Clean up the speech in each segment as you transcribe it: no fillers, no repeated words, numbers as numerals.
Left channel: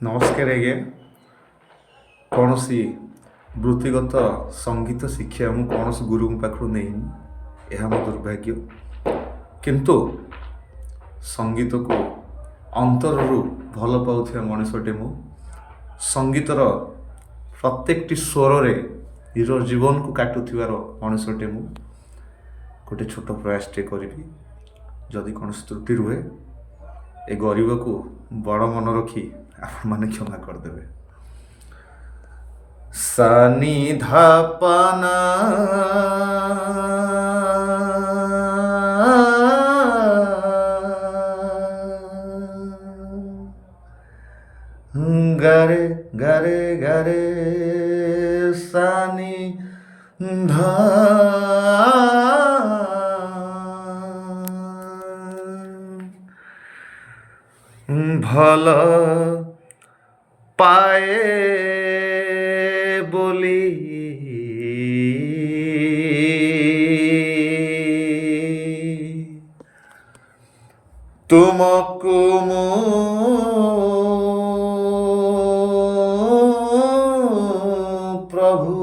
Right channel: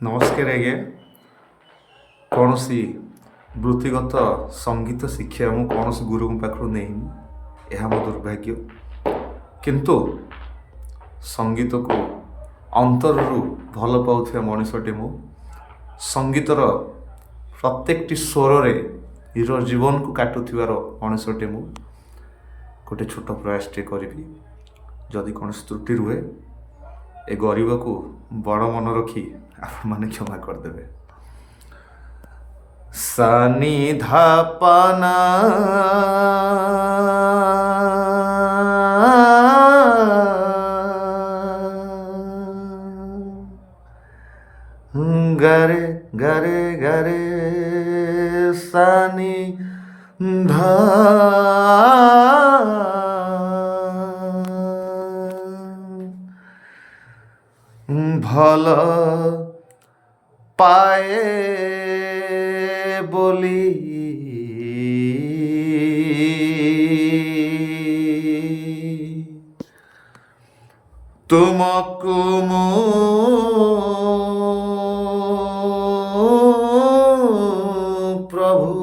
ନମସ୍କାର ଆଜ୍ଞା। କୌଣସି ବୃତ୍ତିଗତ ସଙ୍ଗୀତ ଶିକ୍ଷା ମୁଁ କୌଣସି ଗୁରୁଙ୍କ ପାଖରୁ ନେଇନି, ଏହା ମୋ ଦୁର୍ଭାଗ୍ୟ। କିନ୍ତୁ ସଙ୍ଗୀତକୁ ଅନ୍ତରରୁ ଭଲ ପାଉଥିବା ମଣିଷଟେ ମୁଁ। ସଙ୍ଗୀତର ପ୍ରତ୍ୟେକଟି ସ୍ୱରରେ ନିଜ ଜୀବନକୁ କାଟୁଥିବାର ମଣିଷଟେ ମୁଁ। ଗୋଟେ ଛୋଟ ପ୍ରୟାସଟେ କରିବି, ଯଦି କୌଣସି ତ୍ରୁଟି ରୁହେ ଏ ଗରିବକୁ ବଡ଼ ମନ ରଖି ଆପଣମାନେ କ୍ଷମା କରିଦେବେ। ସାନି ଧାପାନା গারে গারে গারে সানি ধা ভাল পায়ে বলি তুমকু মু প্রভু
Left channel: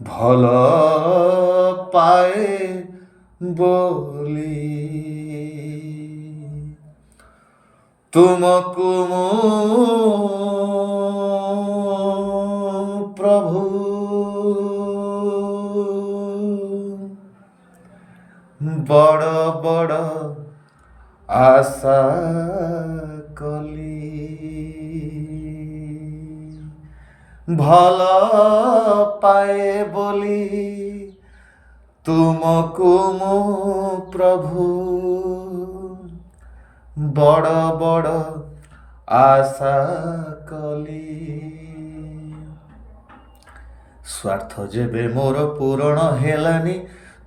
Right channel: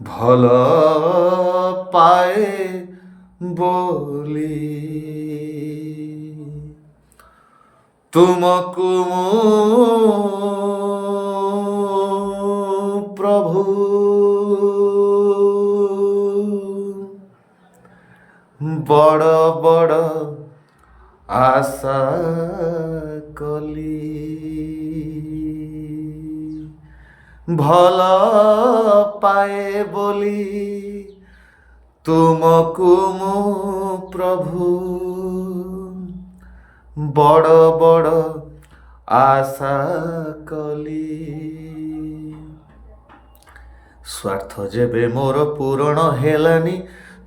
ভাল পায়ে বলি তুমকু মু প্রভু বড় বড় আশা কলি ভাল পায়ে বলি তুমকু মু প্রভু বড় বড় আশা কলি। ସ୍ୱାର୍ଥ ଯେବେ ମୋର ପୂରଣ ହେଲାନି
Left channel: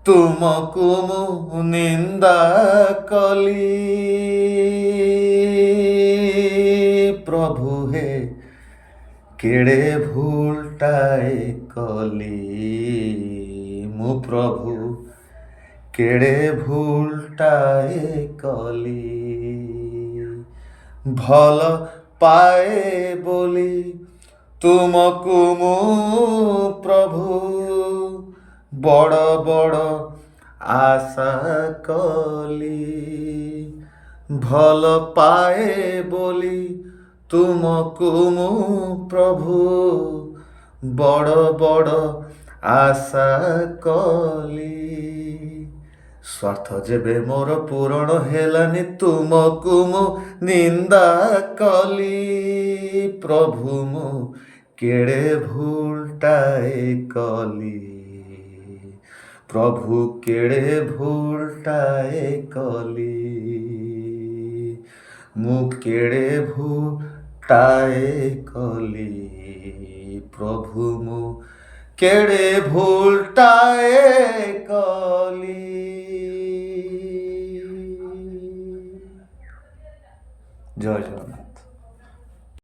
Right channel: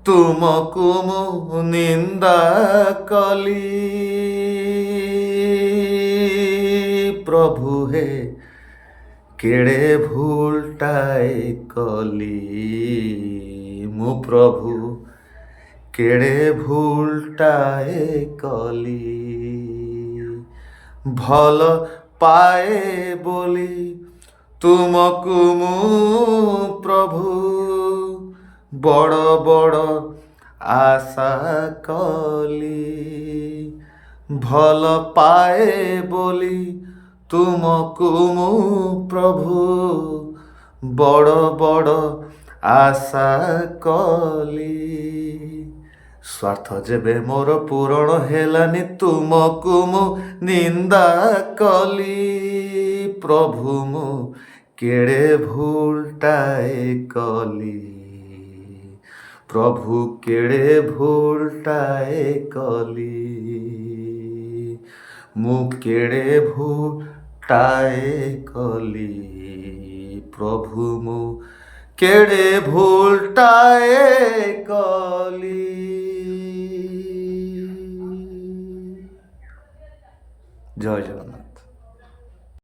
ତୁମକୁ ମୁଁ ନିନ୍ଦା କଲି। ପ୍ରଭୁ ହେ କେଡ଼େ ଭୁଲଟାଏ କଲି ମୁଁ, ପ୍ରଭୁ କେଡ଼େ ଭୁଲଟାଏ କଲି। ଭଲ ପାଏ ବୋଲି ତୁମକୁ ମୁଁ ପ୍ରଭୁ ବଡ଼ ବଡ଼ ଆଶା କଲି। ଭଲ ପାଏ ବୋଲି ତୁମକୁ ମୁଁ ପ୍ରଭୁ ବଡ଼ ବଡ଼ ଆଶା କଲି। ସ୍ୱାର୍ଥ ଯେବେ ମୋର ପୂରଣ ହେଲାନି ତୁମକୁ ମୁଁ ନିନ୍ଦା କଲି। ପ୍ରଭୁ ମୁଁ କେଡ଼େ ଭୁଲଟାଏ କଲି, ପ୍ରଭୁ କେଡ଼େ ଭୁଲଟାଏ କଲି। ମୁଁ କେଡ଼େ ଭୁଲଟାଏ କଲି, ପ୍ରଭୁ ମୁଁ କେଡ଼େ ଭୁଲଟାଏ କଲି। ଜୟ ଜଗନ୍ନାଥ।